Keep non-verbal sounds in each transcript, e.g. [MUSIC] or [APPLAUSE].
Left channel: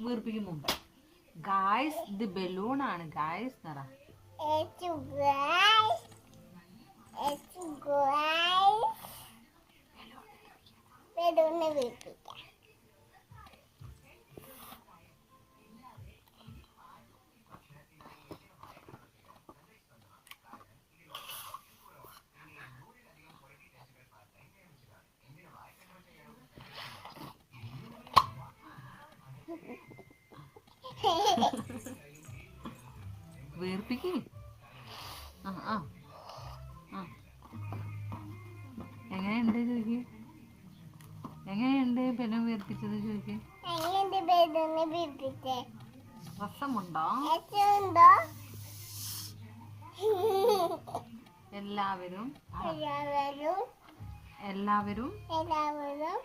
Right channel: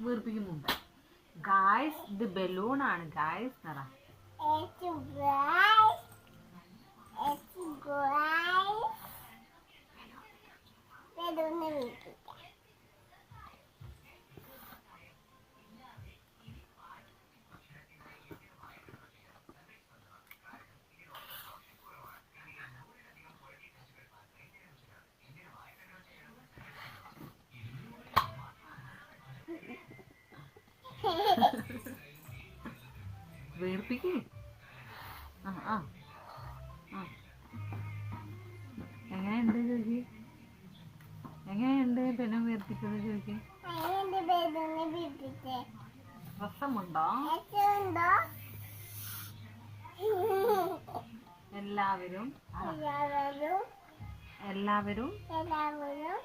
വീർപ്പിക്കും മുമ്പ് ഗായ്സ് ഇത് ബലൂൺ ആണ്. ഗായ്സ് നിറ. ബലൂണിനെ guys. [LAUGHS] വീർപ്പിക്ക്. ആ ആ. ആ. എങ്ങനെയുണ്ട് ചോദിക്ക്? എങ്ങനെയുണ്ട് പെനം വീർപ്പിച്ചത് ചോദിക്ക്? രസമുണ്ടോ? [LAUGHS] എല്ലാവരും. എല്ലാവരും. എല്ലാവരും എല്ലാവരും.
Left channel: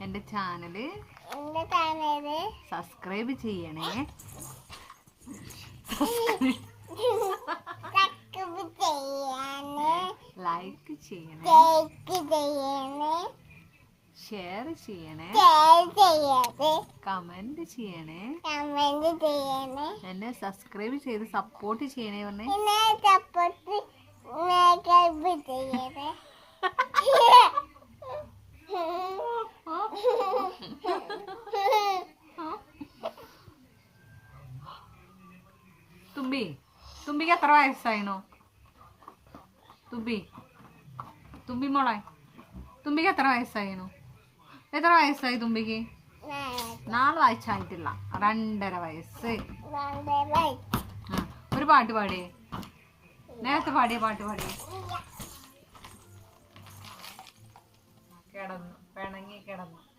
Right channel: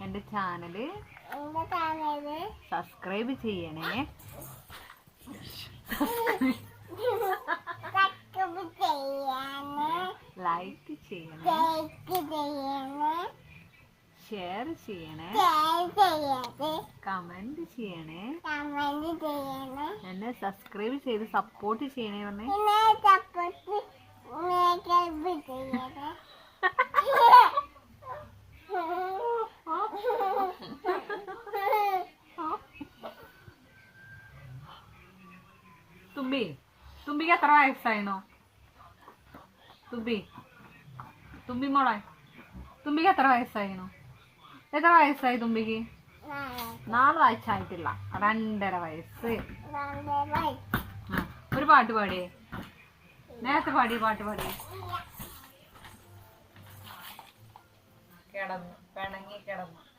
എന്റെ എന്റെ ചാനൽ സബ്സ്ക്രൈബ് ചെയ്യണേ. ലൈക്ക് ചെയ്യണേ. ഷെയർ ചെയ്യണേ. കമന്റ് ചെയ്യണേ. എന്നെ സബ്സ്ക്രൈബ് ചെയ്ത് സപ്പോർട്ട് ചെയ്യണേ പറഞ്ഞേ പിന്നെ സപ്പോർട്ട് മേക്കപ്പ് ചെയ്യണേ തുമ്പി. തുമ്പിക്ക് എത്ര വയസ്സായിനോ? തുമ്പി. തുമ്പി മോളെ. തുമ്പിക്ക് എത്ര വയസ്സായിനോ? എത്ര വയസ്സായി തുമ്പിക്ക്? നാല് വയസ്സായിട്ടില്ല. രണ്ടര വയസ്സ്. ആ ഒരു പാട്ട് പാടിയേ. നേരത്തെ പാടിയ പാട്ട് പാടിയേ. കിടന്നു. പിണങ്ങി കിടന്നു.